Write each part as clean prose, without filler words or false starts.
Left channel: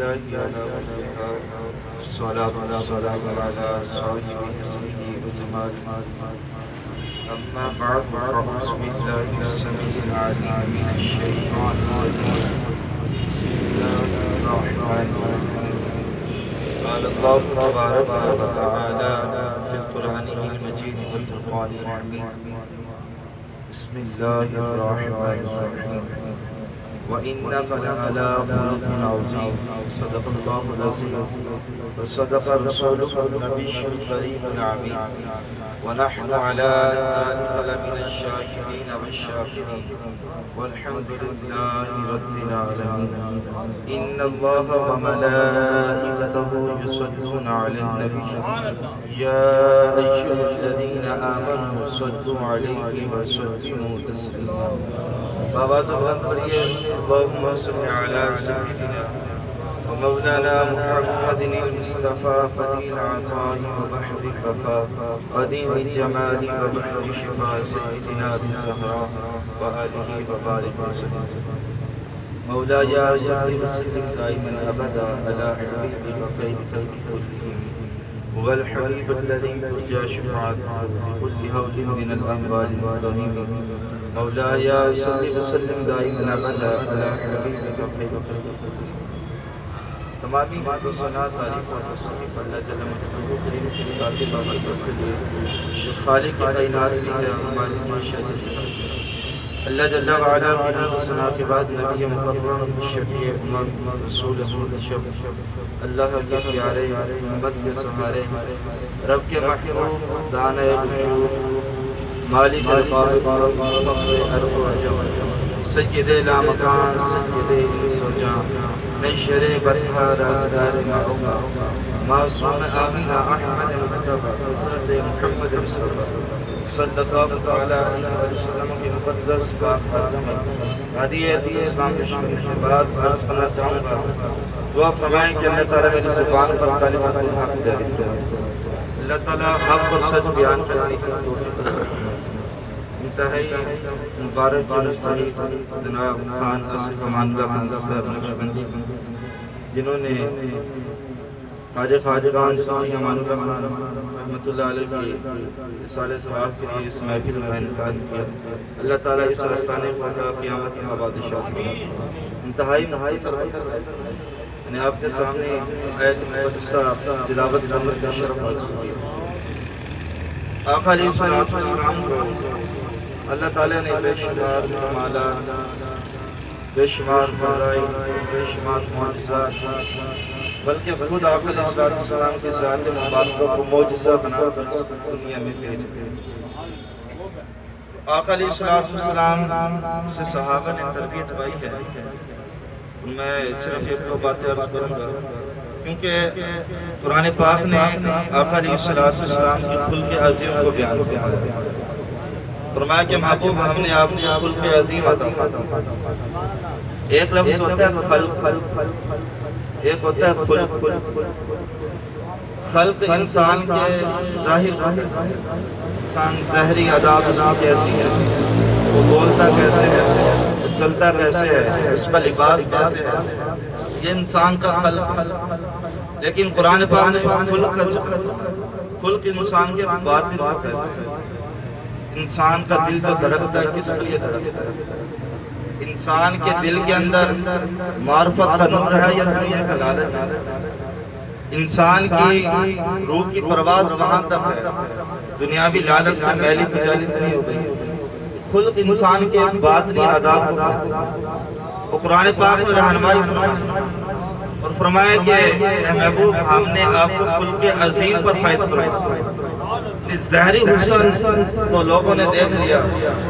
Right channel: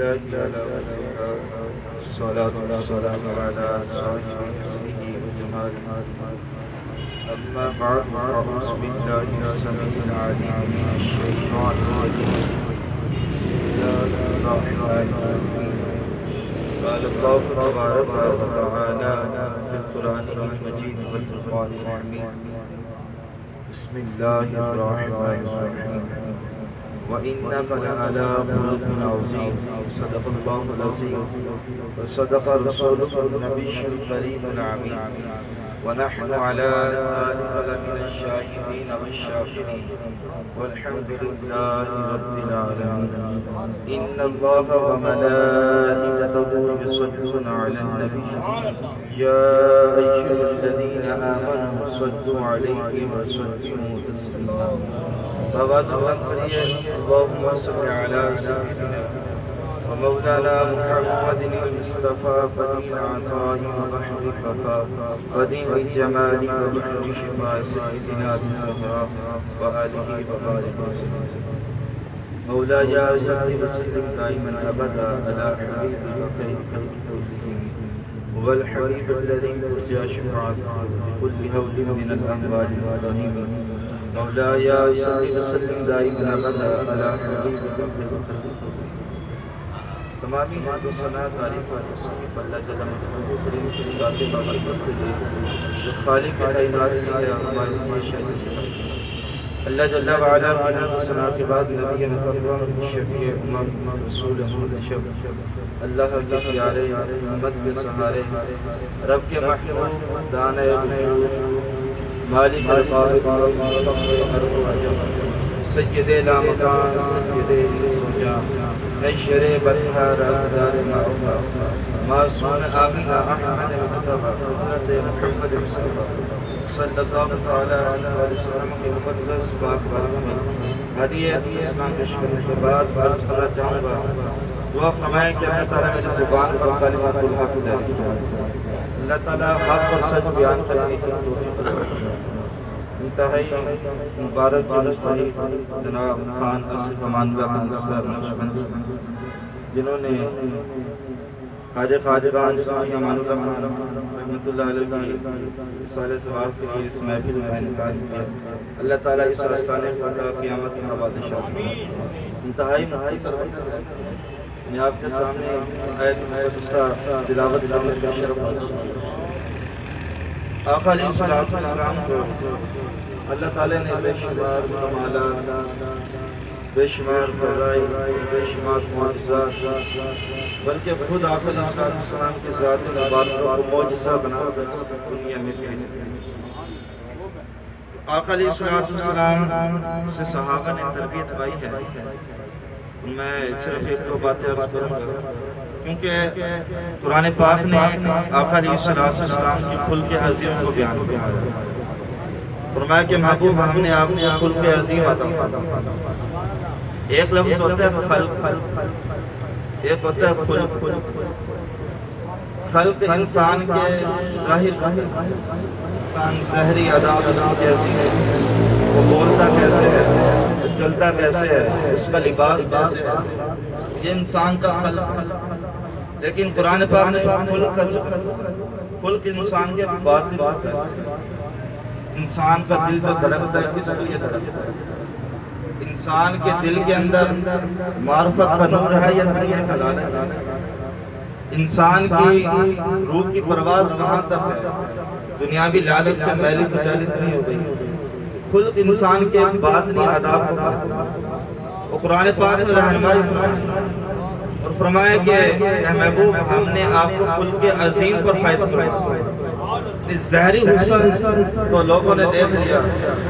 لله على وجهها الصلاة والسلام على صاحب حسنه وجماله أما بعد فأعوذ بالله السميع العليم من الشيطان الرجيم بسم الله الرحمن الرحيم قال الله تبارك وتعالى في القرآن المجيد والفرقان الحميد بسم الله الرحمن الرحيم وإنك لعلى خلق عظيم صدق الله العظيم وصدق رسوله النبي الكريم العميد ونحن على ذلك لمن الشاهدين والشاكرين والحمد لله رب العالمين إن الله وملائكته يصلون على النبي يا أيها الذين آمنوا صلوا عليه وسلموا تسليما آواز بلند کریے اللهم صل على سيدنا ومولانا محمد المصطفى بديع العطاء وبحر الوفاء بديع الجمال وبحر الشفاء سيدنا بزهراء وآله وبارك وسلم مولاي صل وسلم دائما أبدا على حبيبك خير خلق كلهم هو الحبيب الذي ترجى شفاعته بكل هول من الأهوال المضطهين مولاي صل وسلم دائما ابدا على حبيبك خير خلق تمامی حمد و ثنا تعریف و تصریف اللہ جل مجدہ کریم کی ذات باقی کرتے ہوئے جو خالق کائنات بھی ہے مالک شاہد اللہ جل وعلا کی حمد و ثنا کے بعد نبی مکرم شفیع امم رسول منتشب اللہ کے پیارے امت کے سہارے رب کے محبوب دانۂ غیوب مالک القابض فخر ارض و عجم سید لامکان سید سوجا نشر برہا رازدار معوما معصوم آمین احمد مجتبی حضرت محمد مصطفی صلی اللہ تعالی علیہ وسلم کے مقدس پاک بارگاہ میں ہدیۃ اسلام پیش کرنے کے بعد عرض کرنا چاہوں گا دعا فرمائیں کہ اللہ تعالیٰ میری زبان پر کلمۃ الحق جاری فرمائے اللہ تعالیٰ حق اور سچ بیان کرنے کی توفیق عطا انتہائی مبارک کی مستحق جناب خان آصف امان اللہ خان صاحب نقشبندی جنہوں نے خواجہ خواجگان صوفی امان اللہ خان رحمۃ اللہ علیہ کی اصالِ ثواب کے لیے اس محفل کا انعقاد کیا اللہ تعالیٰ اس آستانے کو عطا قیامت کی آبادشات فرمائے انتہائی مختصر وقت میں نے آپ کے سامنے آیت مقدسہ تلاوت کرنے کا شرف حاصل کیا آقا علیہ السلام کو اللہ تعالیٰ نے بے شمار کمالات بے شمار فضائل بے شمار معجزات بلکہ خود آقا علیہ السلام کی ذات مبارکہ کو معجزہ بنا کر دنیا میں بھیجا آقا علیہ السلام سے صحابہ نے تربیت پائی ہے میں صرف ایک دو باتیں عرض کروں گا کیونکہ قرآن پاک نے آقا علیہ السلام کی خلق عظیم کو بیان فرمایا فرمایا کہ محبوب ہم نے آپ کو خلق عظیم عطا فرمایا ایک لفظ ہوتا ہے خلق ایک ہوتا ہے خلق خلق انسان کے ظاہر انسان ظاہری عذاب اس کی کیسی ہے وہ بولتا کیسے ہے وہ چلتا کیسے ہے اس کا لباس کیسے ہے یہ انسان کا خلق لیکن قرآن پاک نے خلق کا ذکر خلق انسان کے باطن کو کہتا ہے انسان کا دل جو دھڑکتا ہے کس لیے دھڑکتا ہے انسان کے دل کے اندر معرفت کا نور ہے یا دنیا کا لالچ ہے انسان کی روح کی پرواز وہاں تک ہے دنیاوی لالچ سے میلی کچالی اتنی ہو گئی خلق انسان کے باطنی آداب کو کہتے ہیں وہ قرآن پاک میں رہنمائی فرمائے اور فرمائے کہ اے محبوب ہم نے آپ کو خلق عظیم پر فائد فرمایا ظاہری حسن تو لوگوں نے دیکھ لیا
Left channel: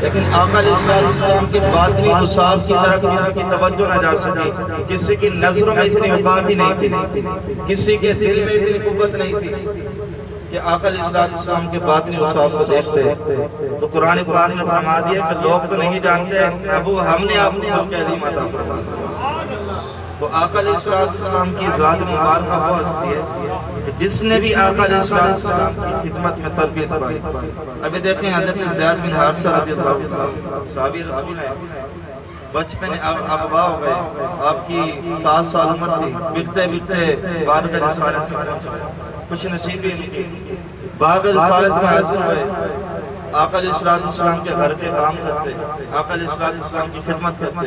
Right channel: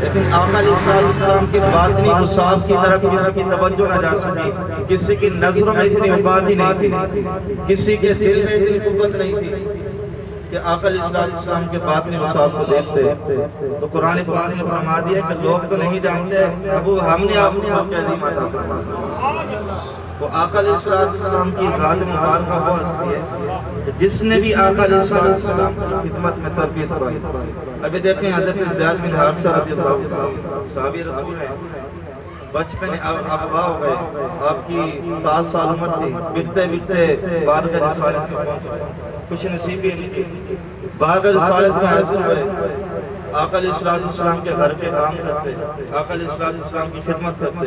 لیکن آقا علیہ السلام کے باطنی اوصاف کی طرف کسی کی توجہ نہ جا سکی کسی کی نظروں میں اتنی بات ہی نہیں تھی کسی کے دل میں اتنی قوت نہیں تھی کہ آقا علیہ السلام کے باطنی اوصاف کو دیکھتے تو قرآن پاک نے فرما دیا کہ لوگ تو نہیں جانتے ابو ہم نے آپ کو خلق عظیم عطا فرمایا تو آقا علیہ السلام کی ذات مبارکہ وہ ہستی ہے کہ جس نے بھی آقا علیہ السلام کی خدمت میں تربیت پائی ابھی دیکھیں حضرت زیاد بن حارثہ رضی اللہ عنہ صحابی رسول ہیں بچپن اغوا ہو گئے، آپ کی 7 سال عمر تھی، بکتے بکتے بارگاہ رسالت میں پہنچ گئے، کچھ نصیبی ان کی بارگاہ رسالت میں حاضر ہوئے، آقا علیہ السلام کے گھر کے کام کرتے، آقا علیہ السلام کی خدمت کرتے۔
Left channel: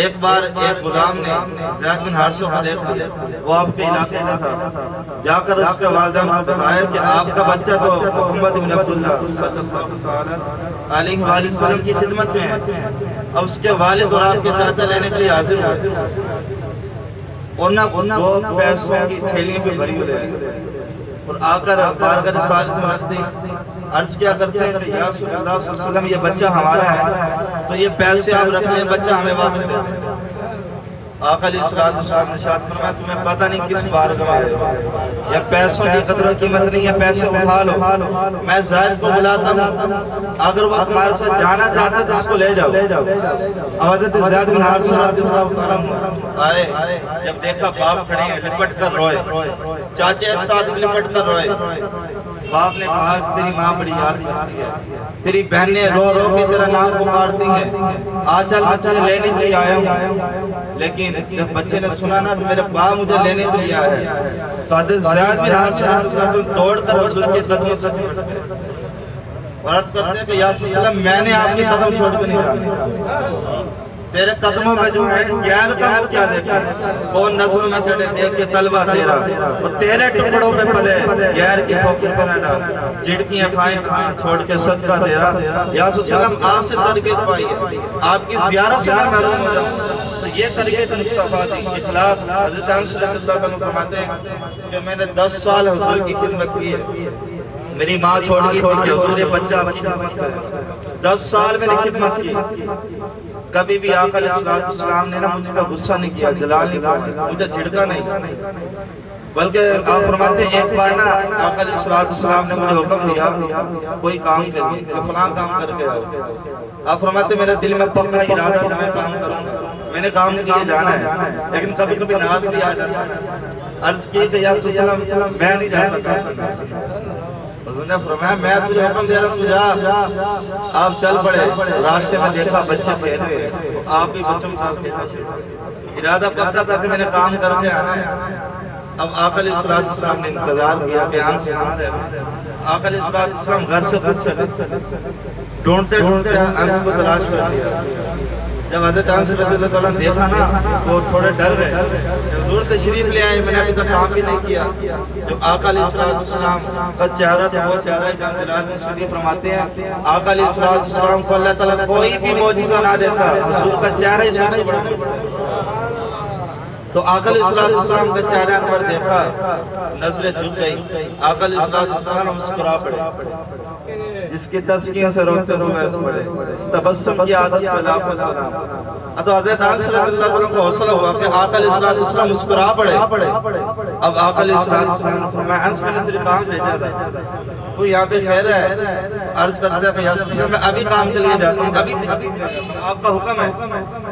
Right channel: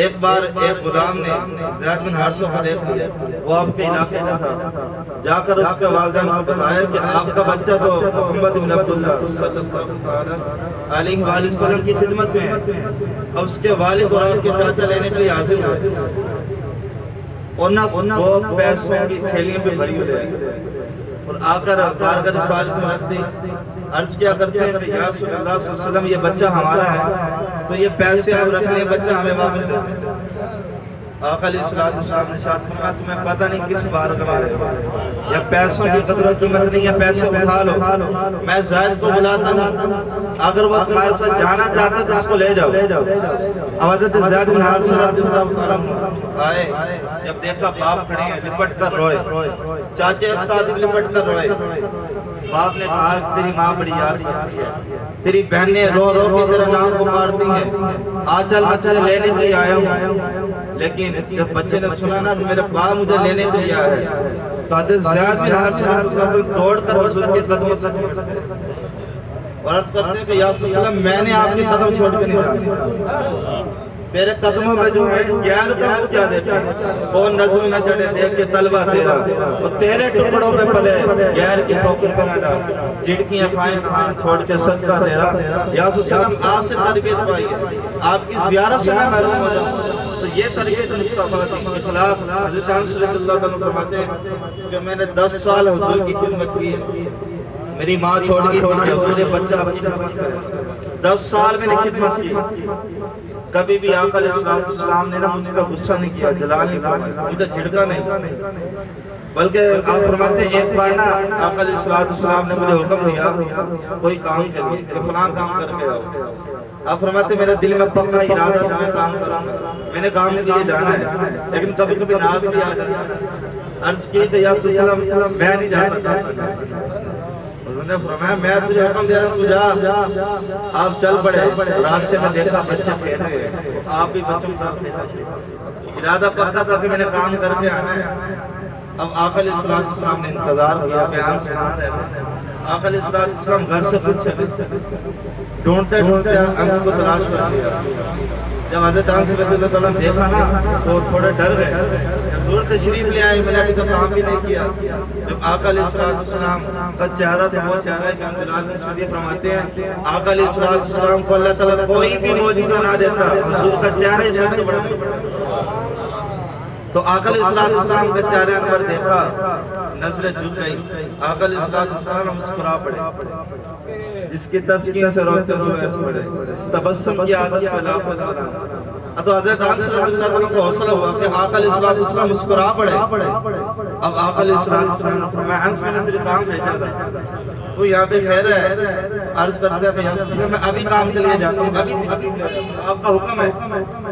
ایک بار ایک غلام نے زید بن حارثہ کو دیکھ لیا، وہ آپ کے علاقے کا تھا، جا کر اس کے والدین کو بتایا کہ آپ کا بچہ تو محمد بن عبداللہ صلی اللہ علیہ وآلہ وسلم کی خدمت میں ہے۔ اب اس کے والد اور آپ کے چاچا لینے کے لیے حاضر ہوئے، اور نہ 2 پیسوں کی تھیلی پہ بھری ہو رہے اور آ کر بارگاہ رسالت میں رکھ دی۔ عرض کیا کرتے ہیں کہ یا رسول اللہ صلی اللہ علیہ وسلم، یہ بچہ ہمارا ہے، تو یہ پیسے آپ رکھ لیں، بچہ ہمیں واپس دے دیں۔ آقا علیہ السلام نے ارشاد فرمایا تمہیں پتہ نہیں کس بارگاہ ہے، یا پیسوں کی قدر و قیمت نہیں ہے، پیسے اٹھا لو، میں زید کو بلاتا ہوں، اگر وہ تمہارے ساتھ جانا چاہتا ہے تو اس کو لے جاؤ۔ اب حضرت زید بن حارثہ رضی اللہ عنہ آئے، جب دیکھا باپ کھڑے ہیں لپٹ کر روئے، چاچے ایک ساتھ لپٹ کر روئے۔ باپ نے کہا تیری ماں بڑی یاد کرتی ہے، تیری بہنیں رو رو کے تیرا نام پکارتی ہیں، چل بچہ لینے کے لیے آیا ہوں۔ لیکن جب بچے نے سنا نا کہ میرا باپ مجھے لینے کے لیے آیا ہے، تو حضرت زید بن حارثہ دوڑ کر حضور کے قدموں سے چھوڑ گئے اور عرض کرتے ہیں کہ یا رسول اللہ میں نے آپ کے قدم چھوڑ کے نہیں جانا، تیرے قدموں میں جو ہے گیار کا منہ کیا دیکھا، کون نظر میں چڑھے دیکھ کے طلبہ تیرا، وہ تیرے ٹکڑوں پہ پلے گیار کی کھوپڑ پر نہ ڈال، جھڑکیاں کھائیں چھوڑ کے صدقہ تیرا۔ یا رسول اللہ آپ سے تربیت پائی ہے، آپ کی زیارت سے میں محروم ہو جاؤں، تو یہ تربیت مصطفیٰ دی اخلاق۔ حضرت انس رضی اللہ عنہ فرماتے ہیں کہ میں نے 10 سال حضور کی خدمت کی ہے، میری ماں چھوڑ گئی تھی کہ حضور بچہ آپ کی خدمت کرے، 10 سال میں نے خدمت کی، کبھی بھی آقا علیہ السلام نے مجھ پر غصہ نہیں کیا، جلال نہیں فرمایا، مجھے جھڑکا نہیں، بلکہ آپ فرماتے ہیں ایک بار نا آقا علیہ السلام نے مجھے حکم دیا کوئی کام کے لیے کہ فلاں کام کر کے آؤ۔ آپ فرماتے ہیں میرے دل میں پکا ارادہ تھا میں کام کروں گا، میں نے کام کے لیے جانا ہے، لیکن کبھی کبھی ناز بھی آ جاتا ہے۔ عرض کی کہ یا رسول اللہ میں نہیں جاتا تھا، حضور نے فرمایا میں تجھے حکم دے رہا ہوں تو جا۔ آپ چل پڑے، راستے میں دیکھا بچے کھیل رہے ہیں، آپ بھی بچوں کے ساتھ کھیلنا شروع، ارادہ پکا تھا کہ میں نے کام کر کے آنا ہے۔ اب آقا علیہ السلام نے انتظار کیا کہ انس کہاں ہے، آقا علیہ السلام گھر سے خود چلے، ڈھونڈتے ڈھونڈتے انس کو تلاش کر لیا۔ جب حضرت انس رضی اللہ عنہ دیکھا نا تو تھوڑے ڈر گئے، حضور تشریف لے آئے، میں نے ابھی تک کام بھی نہیں کیا۔ جب آقا علیہ السلام کا چہرہ تھا وہ چہرہ امام جلال شریف فرماتے ہیں آقا علیہ السلام کو اللہ تعالیٰ کوئی بھی معجزہ نہ دیتا، حضور کا چہرہ ہی سب سے بڑا معجزہ۔ تو آقا علیہ السلام کا چہرہ انور دیکھا، نظریں جھک گئی، آقا علیہ السلام مسکرا پڑے، جس کی تسکین سے روتے روئے اس پڑے، تبسم کی عادت پہ لاکھوں سلام۔ تو حضرت انس رضی اللہ عنہ کو حوصلہ ہوا کہ آقا علیہ السلام مسکرا پڑے۔ اب آقا علیہ السلام نے فرمایا انس میں نے تجھے کام بھیجا تھا، تو یہاں پہ خیر ہے، عرض کرتے ہیں کہ یا رسول اللہ میں ابھی کام کے لیے جاتا ہوں، ابھی آپ کا حکم ہے۔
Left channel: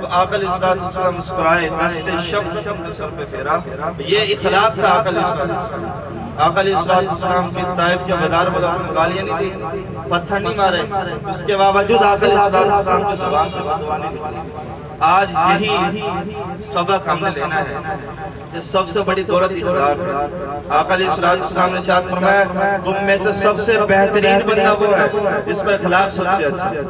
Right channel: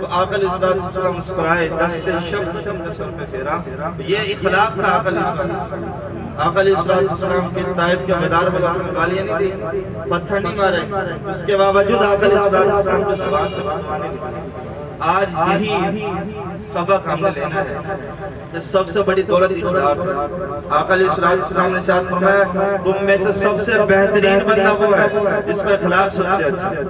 تو آقا علیہ السلام مسکرائے، دست شفقت اپنے سر پہ پھیرا، یہ اخلاق تھا آقا علیہ السلام۔ آقا علیہ السلام کی طائف کے غدار والوں نے گالیاں نہیں دی، پتھر نہیں مارے، اس کے باوجود آقا علیہ السلام کی زبان سے باتیں نکلی۔ آج یہی سبق ہم نے لینا ہے، یہ سب سے بڑی دولت اخلاق ہے۔ آقا علیہ السلام نے ارشاد فرمایا تم میں سے سب سے بہترین بندہ وہ ہے جس کا اخلاق سب سے اچھا ہے۔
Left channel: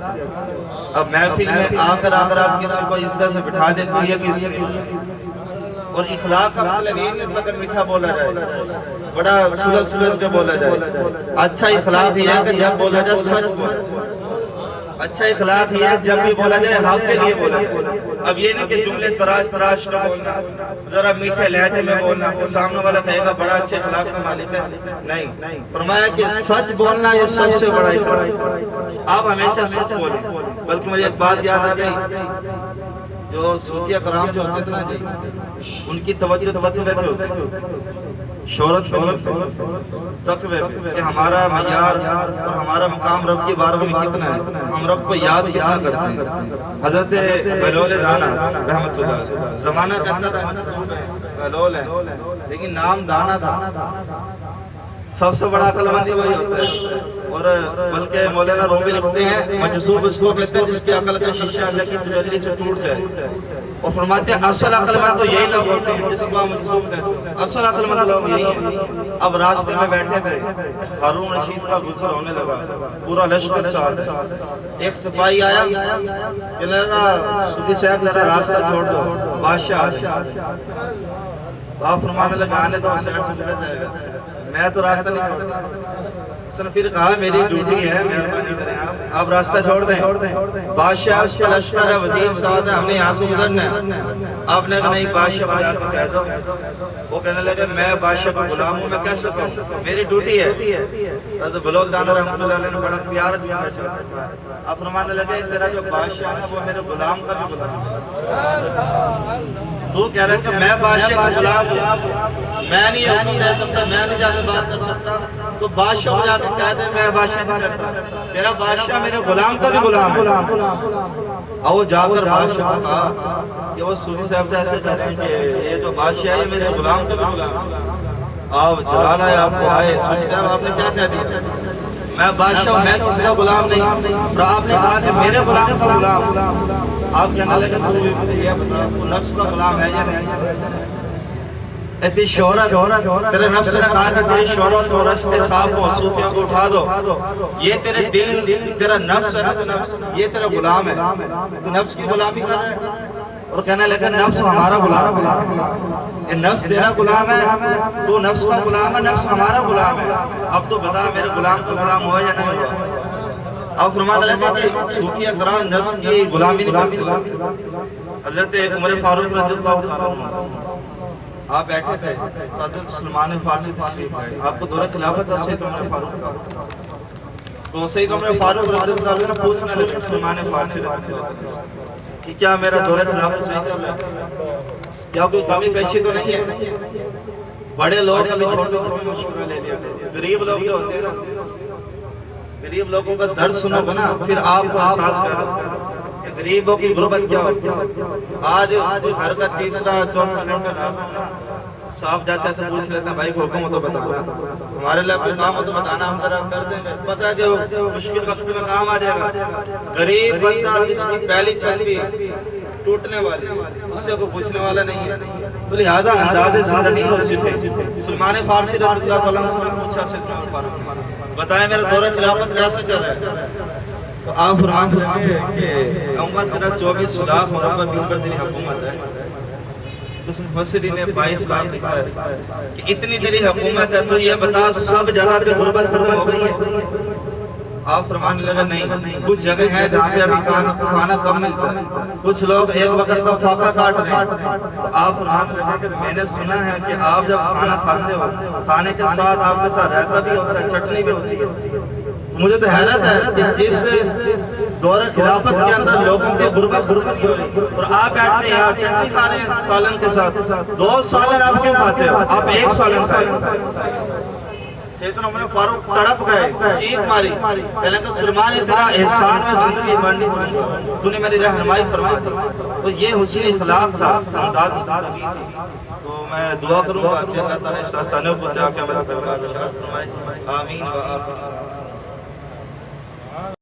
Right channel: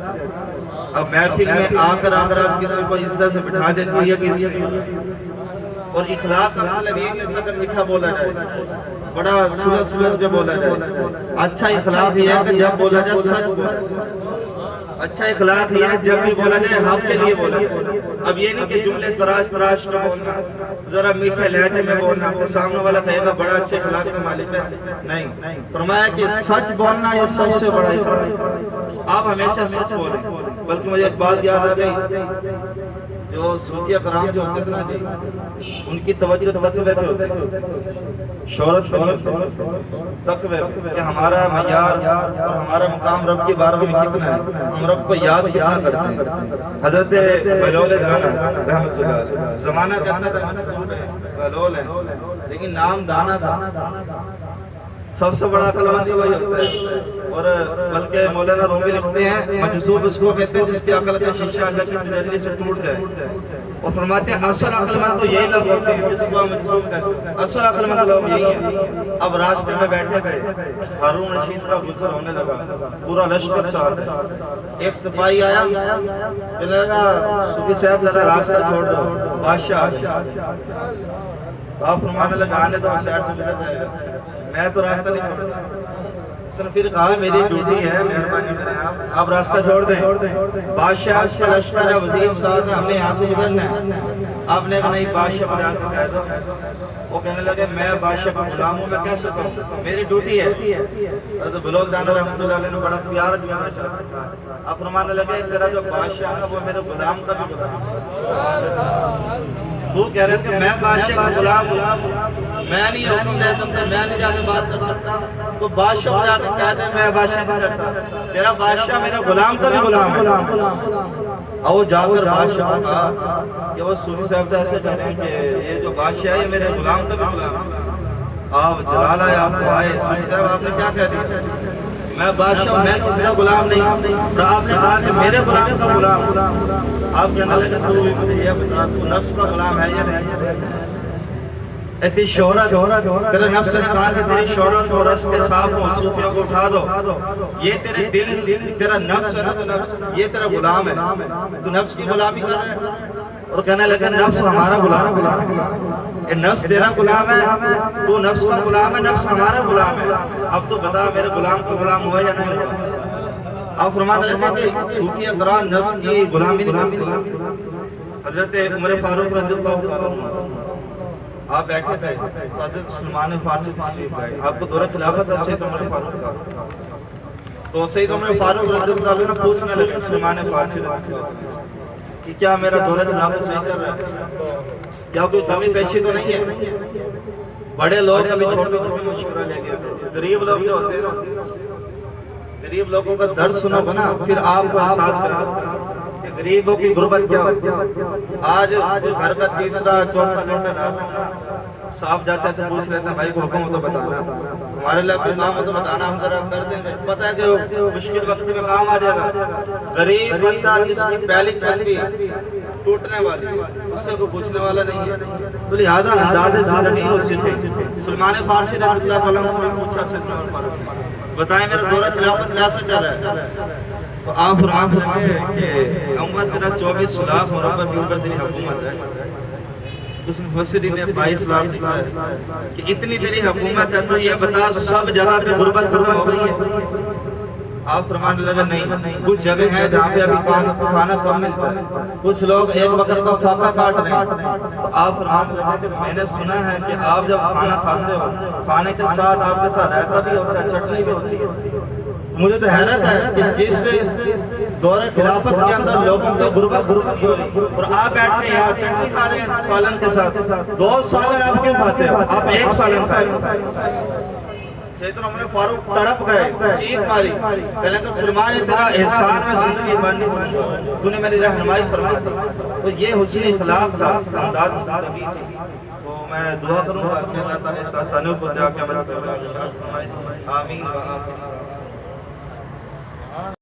اب محفل میں آ کر آپ کسی کو عزت سے بٹھا دیں تو یہ بھی اس لیے، اور اخلاق کا مطلب یہ نہیں ہوتا کہ میٹھا بولا جائے، بڑا سلجھ کے بولا جائے۔ اچھا اخلاق یہ ہے کہ جب بولا جائے سچ بولے، اچھا اخلاق یہ ہے جب بھی بولا جائے حق کے لیے بولا جائے۔ اب یہ نہیں کہ جملے تراش کے بولنا، ذرا میٹھے لہجے میں بولنا تو سامنے والا کہے گا بڑا اچھے اخلاق کا مالک ہے، نہیں، فرمایا کہ سچ بولنا یہ سب سے بڑا اخلاق ہے۔ آپ ہمیشہ سچ بولیں۔ بلکہ مجھے ایک بات یاد آ گئی، جو صوفیہ کرام جو ہوتے تھے نا جی، ان کی توجہ تقوی پہ ہوتی تھی، شہرت پہ نہیں ہوتی، تقوی کہ ہمارا معیار اور ہمارا مقام رب کی بارگاہ میں کتنا ہے، ہم رب کو یاد کتنا کرتے ہیں۔ حضرت بہلول دانا رحمت اللہ علیہ زمانہ کہتا تھا بہلول ہے لیکن نام دانا تھا۔ سب سے بڑا عقل مند وہی ہوتا ہے اور بلکہ مولانا رومی لکھتے ہیں مجذوب اس کو کہتے ہیں جس کی عقل کا شیشہ اللہ کی تجلی سے ٹوٹ جائے، اور فرماتے ہیں اصل عقل مند تو یہی لوگ ہوتے ہیں جس کو مجذوب کہتے ہیں، اصل عقل مند لوگ یہی ہیں۔ اب راستے میں بیٹھے تھے، ہارون رشید کا غسل ہونے لگا، پورا لشکر ساتھ ہے، ایک سپاہی آیا کہ صوفی صاحب ذرا راستہ چھوڑ دو، بادشاہ آ جائے۔ تو آپ فرمانے لگا آنے دو، سائڈ سے گزر جائے گا، میں تو راستہ نہیں چھوڑتا۔ اس نے پھر کہا میری ڈیوٹی ہے، مہربانی کریں آپ راستہ چھوڑ دیں، بادشاہ اس کا لشکر ہے، وزیر صاحب ہے، ہم نے یہاں سے گزرنا ہے۔ آپ نے کہا نہیں، بادشاہ کو جا کے کہہ دو۔ وہ کہنے لگے میں بادشاہ کا غلام ہوں، میں کیسے کہوں، میری ڈیوٹی ہے۔ حضرت بلوچ دانا رحمۃ اللہ علیہ نے بڑا پیار کیا۔ آپ فرمانے لگے تیرا جو بادشاہ ہے نا وہ میرے غلام کا بھی غلام ہے۔ تو کہہ رہا کہ میں بادشاہ کا غلام ہوں، میں نہیں حکم دے سکتا، میں نہیں جا کے بات کر سکتا، تو بادشاہ کو جا کے کہہ دے میں بادشاہ نہیں کرتا، تیرا بادشاہ میرے غلام کا بھی غلام ہے۔ اور وہ جا کر بادشاہ کو کہا کہ وہ صوفی صاحب ایسے کہہ رہے ہیں کہ یہ جو بادشاہ ہے میرے غلام کا بھی غلام ہے۔ آپ جلال آئے، آپ کو آئے، صوفی صاحب آپ نے کیا کہہ دیا، میں بادشاہ ہوں، میں کسی کا غلام نہیں، اور آپ نے کہا کہ میرے غلام کا غلام۔ آپ کہنے لگے تو یہ بتا تو نفس کا غلام ہے یا نہیں، اتنی شہرت، تیرے نفس نے کہا کہ تیری شہرت ہو، رستے صاف ہو، صوفیوں کو اٹھا دو، یہ تیرے دل، تیرا نفس ہے نا، تو نفس یہ تیرا غلام ہے، تو نفس کی غلامی کر رہے ہیں۔ اور کہنے لگے نفس ہمارا غلام ہے، نفس تیرا غلام ہے، تو نفس کا غلام ہے، نفس ہمارا غلام ہے، اب تو بتا میرے غلام کا غلام ہوا یا نہیں ہوا۔ آپ فرمانے لگے کہ صوفی اکرام نفس کی غلامی نہیں کرتے۔ حضرت عمر فاروق رضی اللہ عنہ آپ بیٹھے تھے تو حضرت سلمان فارسی تشریف لائے، آپ کو دور خلافت ہے سید عمر فاروق کا، تو سید عمر فاروق رضی اللہ عنہ پوچھنے لگے سلمان فارسی رضی اللہ عنہ کہ کیا میرا دور خلافت صحیح چل رہا ہے، کیا کوئی کمی پیشی تو نہیں ہے؟ بڑے لوگ کبھی چھوٹے چھوٹے مشورہ لے لیا کرو، غریب لوگ جو ہوتے ہیں نا، غریب لوگوں کا درد سنو گے نا پھر آپ کو احساس کرو کہ غریبوں کی غربت کیا ہوتی ہے۔ آج گھر کا تیسرا چوتھا گھنٹہ صاحب جاتا ہے تو پوچھ لیتا ہے بھائی کو حکم ہو تو بتانا، ہمارے لیے کوئی کام ہو تو بتانا، ہم ذرا کر دیں گے، پتہ ہے کہ مشکل وقت میں کام آ جائے گا۔ غریب بندہ جس کی پہلی چھت بھی ٹوٹنے والی اس سے کوئی پوچھنے والا نہیں ہے، تو لہذا انداز زندگی کو سیکھیں۔ سلمان فارسی رضی اللہ عنہ سے پوچھا سید عمر فاروق نے بتائیں میرا دورہ خلافت کیسے چل رہا ہے؟ تو آپ فرماتے ہیں کہ عمر تیرا 24 لاکھ مربع کلومیٹر تیری حکومت ہے، اس مفسرین نے 22 لاکھ لکھا ہے کہ اتنی تیری حکومت ہے، تو یہ بتا سب جگہ پہ غربت ختم ہو گئی ہے؟ آپ فرمانے لگا نہیں، کچھ جگہ ہیں جہاں پہ ابھی کھانا کم ملتا ہے، کچھ لوگ ایک وقت کا فاقہ کاٹ رہے ہیں۔ تو آپ فرمانے لگا کہ میں نے سنا ہے کہ آپ جب کھانا کھاتے ہو کھانے کے ساتھ آپ کے ساتھ رائتہ بھی ہوتا ہے، چٹنی بھی ہوتی ہے۔ مجھے تو حیرت ہے کہ جس دور خلافت کے اندر لوگوں کی غربت نہیں ہو رہی اور آپ بیٹھے ہیں چٹنی کھا رہے ہیں سالن کے ساتھ، 2 سالن آپ کیوں کھاتے ہو؟ آپ 1 سالن کھائیں۔ سیدنا عمر فاروق تڑپ گئے، چیخ ماری، کہنے کہ سلمان تیرا احسان میں زندگی بڑھنی پڑی، تو نے میری رہنمائی فرما دی۔ تو یہ حسین اخلاق تھا، انداز زندگی تھی۔ تو میں دعا کروں گا کہ اللہ تعالیٰ اس آستانے کو تیار کیا میرا دربار ارشاد فرمائے، آمین و آمین۔